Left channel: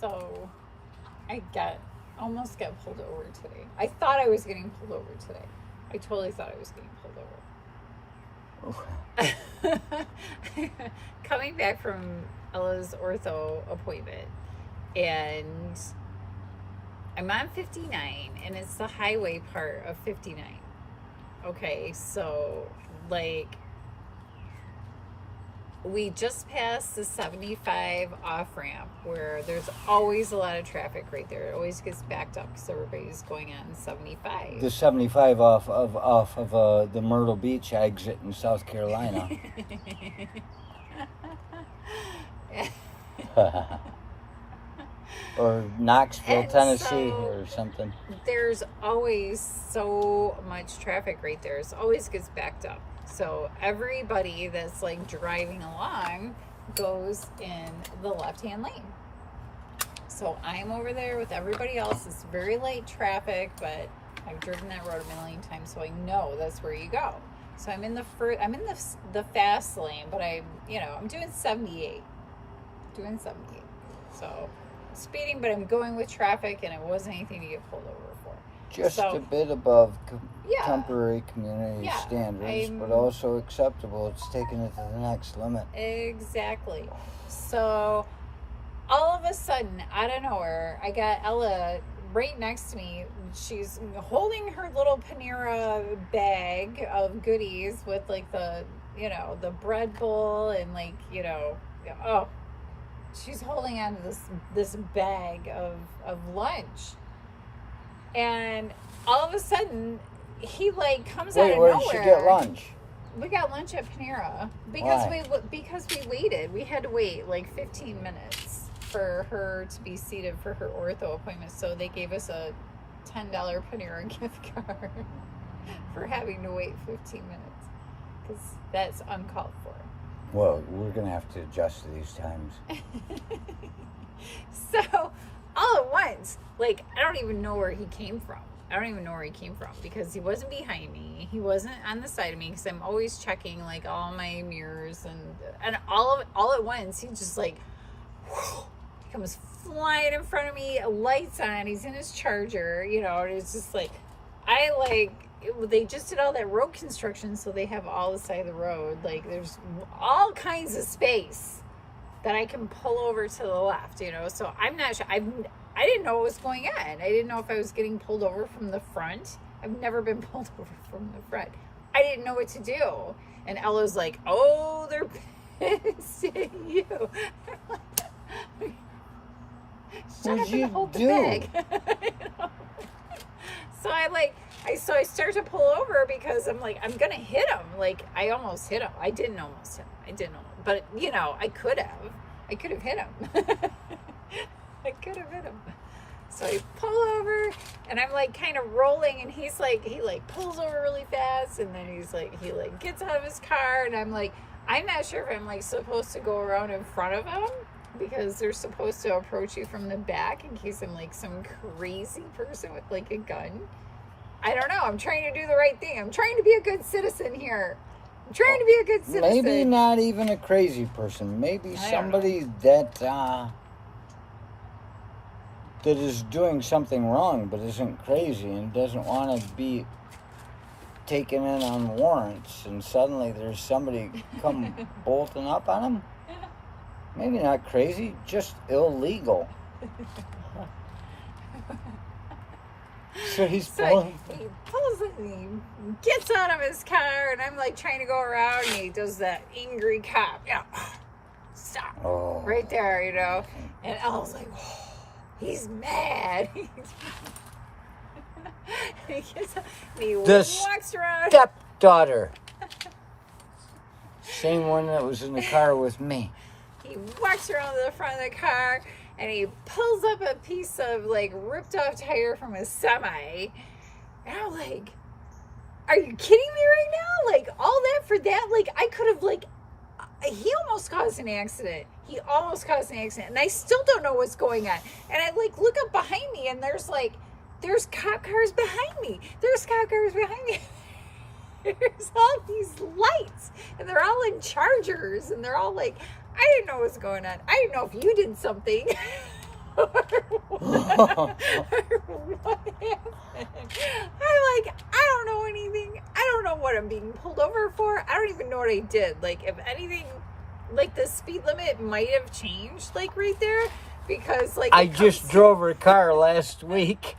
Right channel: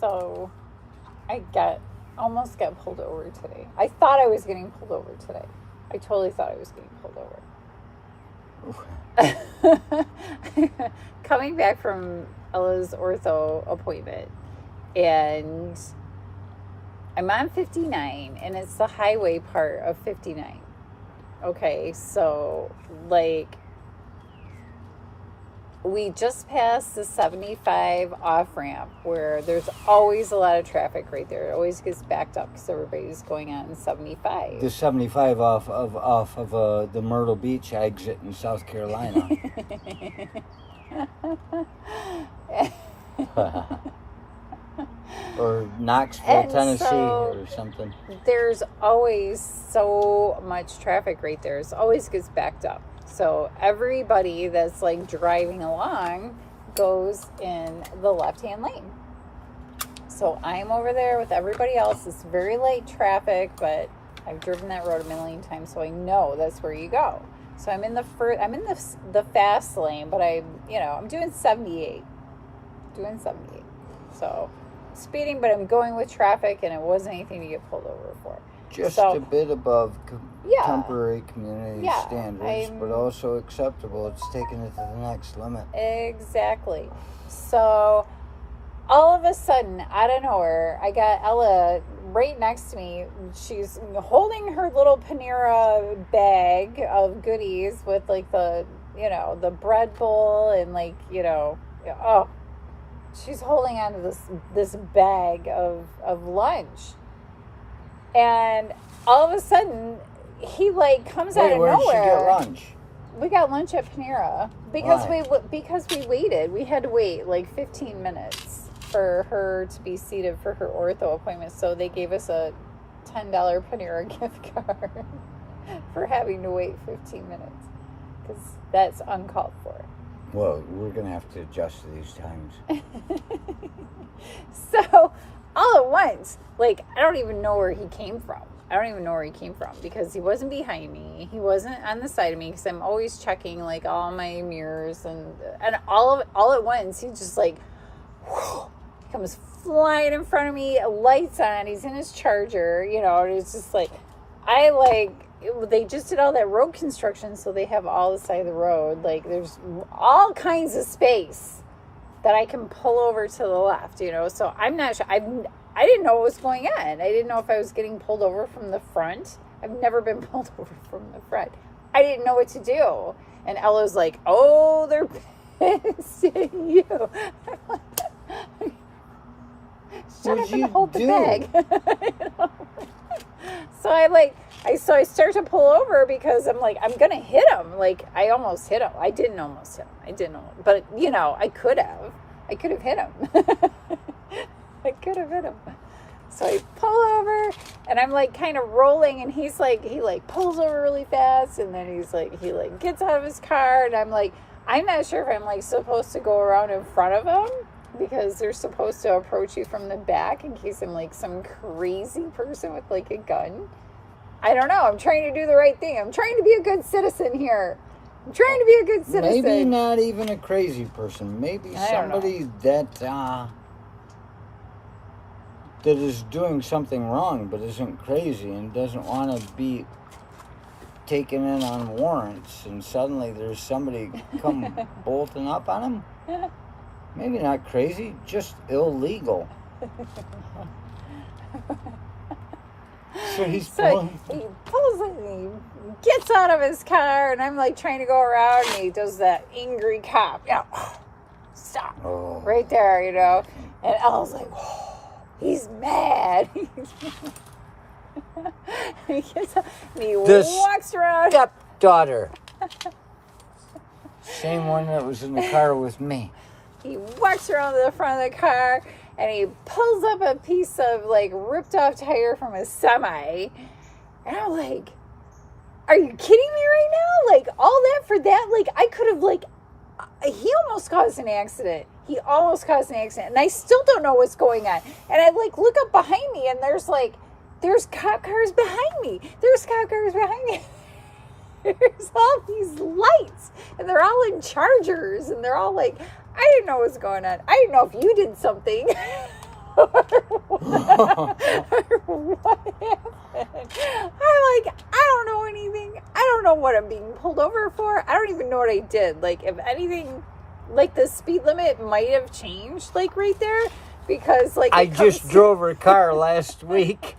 So I almost got pulled over today. I thought I was getting pulled over today. I totally thought I was getting pulled over. Coming back from Ella's ortho appointment, and I'm on 59, and it's the highway part of 59. Okay, so, like, we just passed the 75 off-ramp where there's always a lot of traffic right there. It always gets backed up because everybody's going on 75. The 75 off of the Myrtle Beach exit in South Carolina. Or Knoxville, And Tennessee, so or something. There's always so much traffic right there. It always gets backed up. So everybody that's like driving along goes in the left-hand lane. So I'm over there with everybody else. It's very light traffic, but I've driven that road a million times, so I know that's where you go. So I'm in the fast lane, but I'm doing 78. So speeding, but I'm going with traffic, and it wasn't anything to get pulled over for. Just a bit above temporary community standards, but also acceptable. It's taking it to the next limit. Exactly. So all of a sudden, out of nowhere, I got Ella right next to me. She's holding her little Panera bag of goodies with like the bread bowl and she's holding on to this bag of lunch. And all of a sudden, he comes out of nowhere. Where did she get lunch? We got lunch at Panera because we waited. We had to wait 15 minutes for her to be seated for her ortho appointment. So they gave us a $10 Panera gift card for having to wait 15 minutes because that's uncalled for. Well, we're going to have to adjust to these times. So, all at once, I don't even know where he came from. Because he wasn't behind me. He wasn't on the side of me because I'm always checking all my mirrors and all at once he just comes flying in front of me, lights on, he's in his Charger, and it's just they just did all that road construction, so they have all the side of the road. There's all kinds of space that I can pull over to the left, So I'm not sure. I didn't know what was going on. I didn't know if I was getting pulled over from the front. I've never been pulled over from the front. I didn't know what to do. And Ella's like, "Oh, they're pissing you." I'm like, shut up and hold the bag. So I start to pull over because I'm like, I'm going to hit him. I almost hit him. I didn't almost hit him. But, I could have. I could have hit him. I could have hit him. So I pull over and I'm kind of rolling, and he's he pulls over really fast, and then he gets out of his car, and I'm not sure if I'm supposed to go around in front of him because they're supposed to approach you from the back in case I'm some crazy person with a gun. I don't know. I'm trying to do the right thing. I'm trying to be a good citizen here. Maybe not even a crazy person. Maybe somebody that is doing something wrong but isn't crazy and doesn't want to be taken in on warrants, and suddenly there's somebody come bolting up on him. Maybe not crazy, just illegal. So he pulls it and he gets out of his car, and I'm trying to go around, and he does that angry cop. Stop. Oh. Right there, And Elle's like, oh, he's mad. He gets up and he walks around. Stepdaughter. Same one that was in the car with me. He walks around to the front of the car, and he pulls up a piece of ripped off tire from a semi. And I'm like, are you kidding me right now? All that for that? I could have he almost caused an accident. And I still don't know what's going on. And I look up behind me, and there's cop cars behind me. There's all these lights, and they're all in Chargers, and they're all I didn't know what was going on. I didn't know if you did something. what happened? I don't know anything. I don't know what I'm being pulled over for. I don't even know what I did. Like, if anything, like, the speed limit might have changed, like, right there. Because, like, I just drove her car last week.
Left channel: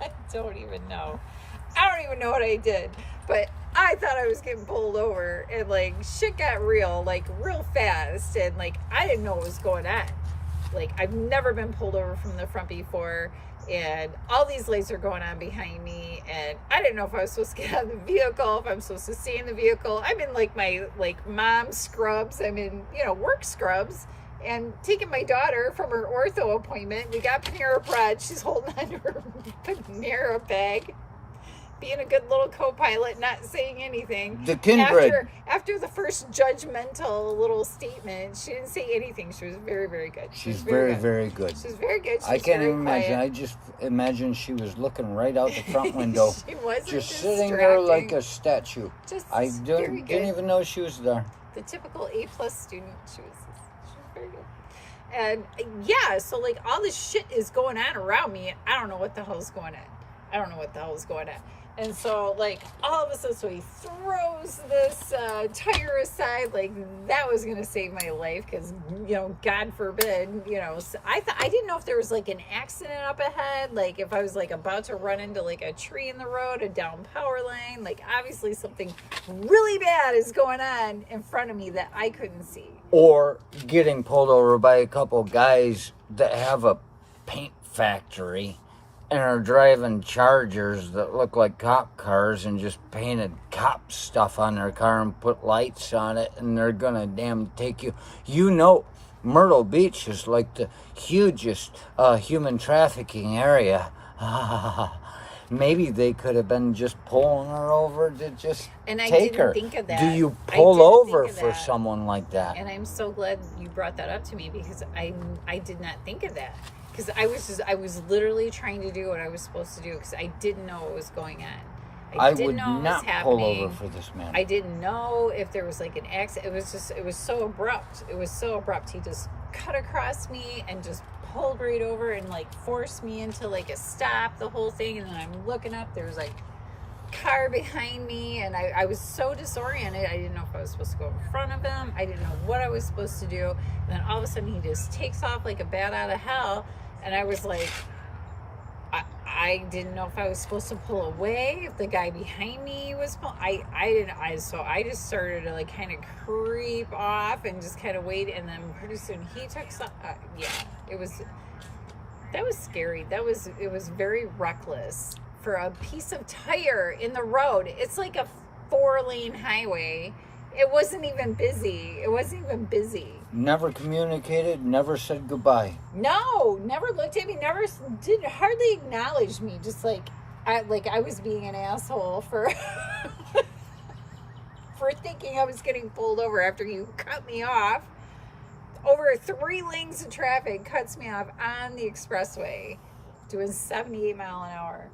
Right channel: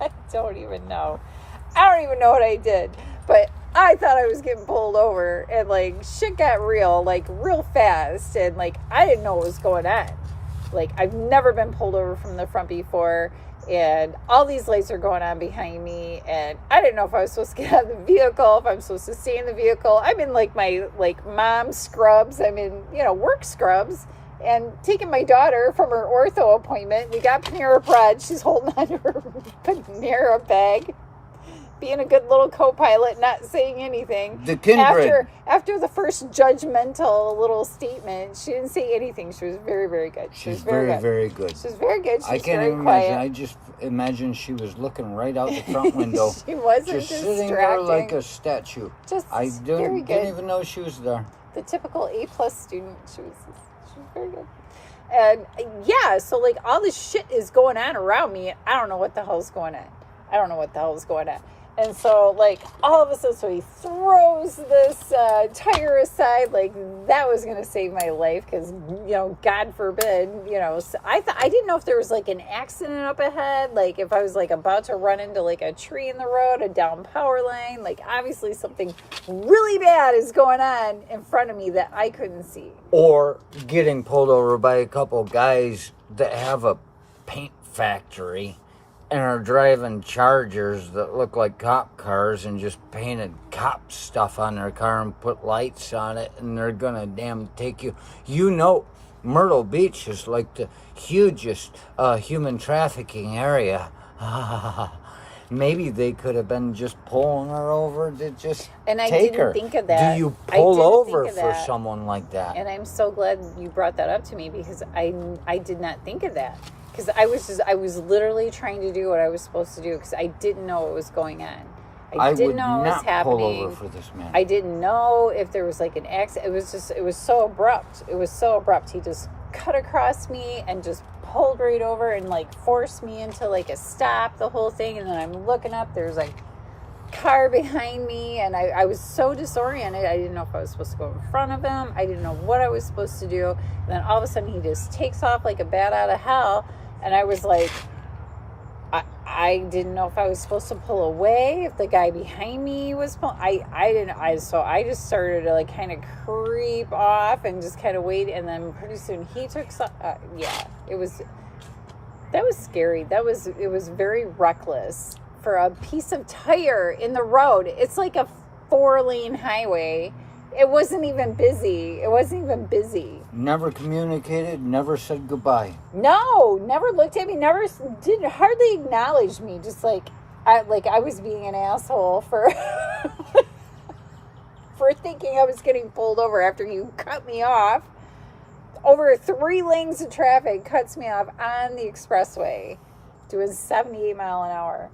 I don't even know. I don't even know what I did. But I thought I was getting pulled over. And, like, shit got real, like, real fast. And, like, I didn't know what was going on. Like, I've never been pulled over from the front before. And all these lights are going on behind me. And I didn't know if I was supposed to get out of the vehicle, if I'm supposed to stay in the vehicle. I'm in, like, my, like, mom scrubs. I'm in, you know, work scrubs. And taking my daughter from her ortho appointment. We got Panera Bread. She's holding on to her Panera bag. Being a good little co-pilot, not saying anything. The kindred. After the first judgmental little statement, she didn't say anything. She was very, very good. She's very, very good. She was very good. She I was can't very even quiet. imagine. I just imagine she was looking right out the front window. She wasn't just sitting there like a statue. Just I very good. didn't even know she was there. The typical A+ student. She was very good. And yeah, so like all this shit is going on around me. I don't know what the hell's going on. And so, like, all of a sudden, so he throws this tire aside, like, that was going to save my life, because, you know, God forbid, you know, so I didn't know if there was, like, an accident up ahead, like, if I was, like, about to run into, like, a tree in the road, a down power line, like, obviously something really bad is going on in front of me that I couldn't see. Or getting pulled over by a couple guys that have a paint factory and are driving Chargers that look like cop cars and just painted cop stuff on their car and put lights on it, and they're gonna damn take you. You know, Myrtle Beach is like the hugest human trafficking area. Maybe they could have been just pulling her over to just take her. Think of that. Do you pull over for someone like that? And I'm so glad you brought that up to me, because I did not think of that. Because I was literally trying to do what I was supposed to do, because I didn't know what was going on. I didn't know what was happening. Pull over for this man. I didn't know if there was like an accident. It was so abrupt. He just cut across me and just pulled right over and like forced me into like a stop, the whole thing. And then I'm looking up, there was like car behind me, and I was so disoriented. I didn't know if I was supposed to go in front of him. I didn't know what I was supposed to do. And then all of a sudden he just takes off like a bat out of hell. And I was like, I didn't know if I was supposed to pull away, if the guy behind me was pulling. So I just started to like kind of creep off and just kind of wait. And then pretty soon he took some, that was scary. It was very reckless for a piece of tire in the road. It's like a 4-lane highway. It wasn't even busy. Never communicated, never said goodbye. No, never looked at me, hardly acknowledged me. Just like I was being an asshole for for thinking I was getting pulled over after you cut me off. Over 3 lanes of traffic, cuts me off on the expressway, doing 78 mile an hour.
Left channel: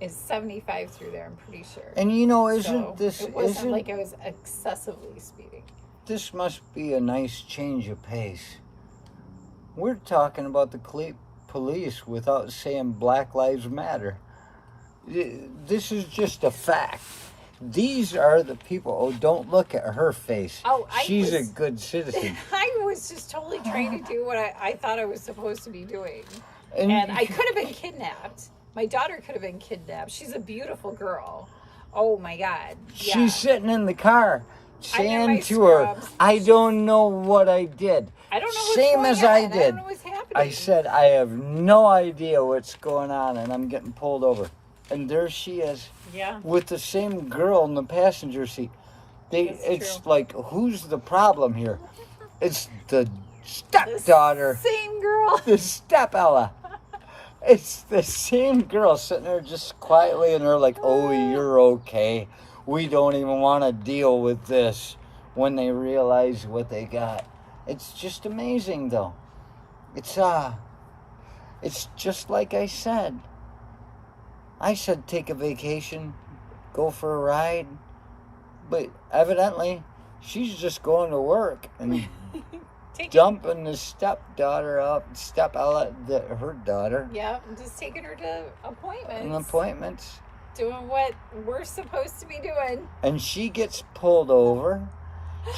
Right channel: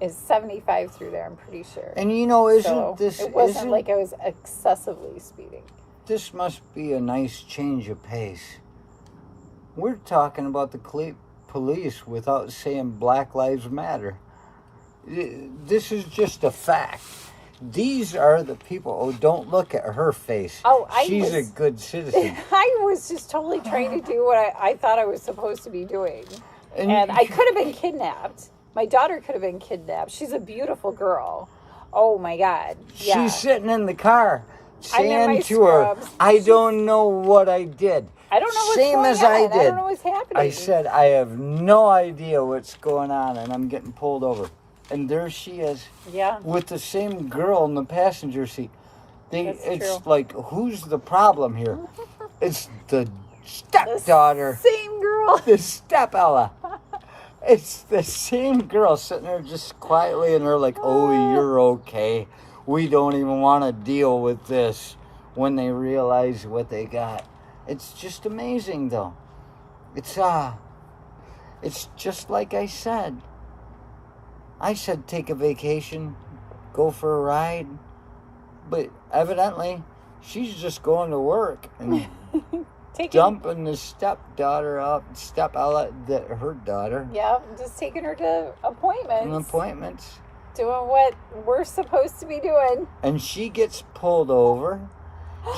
It's 75 through there, I'm pretty sure. And you know, It wasn't like I was excessively speeding. This must be a nice change of pace. We're talking about the police without saying Black Lives Matter. This is just a fact. These are the people. Oh, don't look at her face. She's a good citizen. I was just totally trying to do what I thought I was supposed to be doing. And I could have been kidnapped. My daughter could have been kidnapped. She's a beautiful girl. Oh, my God. Yeah. She's sitting in the car saying to her, I don't know what I did. I don't know what's Same going as on. I did. I don't know what's happening. I said, I have no idea what's going on, and I'm getting pulled over. And there she is. Yeah. With the same girl in the passenger seat. It's true. like, who's the problem here? It's the stepdaughter. The same girl. The step-Ella. It's the same girl sitting there just quietly, and they're like, oh, you're okay. We don't even want to deal with this, when they realize what they got. It's just amazing, though. It's just like I said. I said take a vacation, go for a ride. But evidently, she's just going to work. And dumping the stepdaughter up, her daughter. Yeah, just taking her to appointments. Doing what we're supposed to be doing. And she gets pulled over.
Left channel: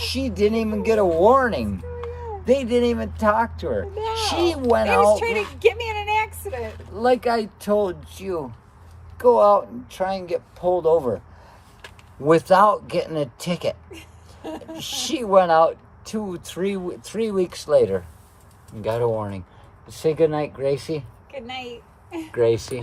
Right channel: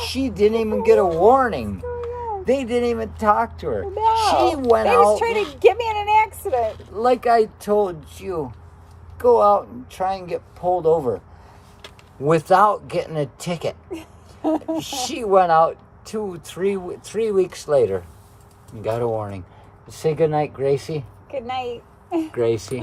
She didn't even get a warning. They didn't even talk to her. No. She went out. They was trying to get me in an accident. Like I told you, go out and try and get pulled over without getting a ticket. She went out 3 weeks later and got a warning. Say goodnight, Gracie. Good night. Gracie.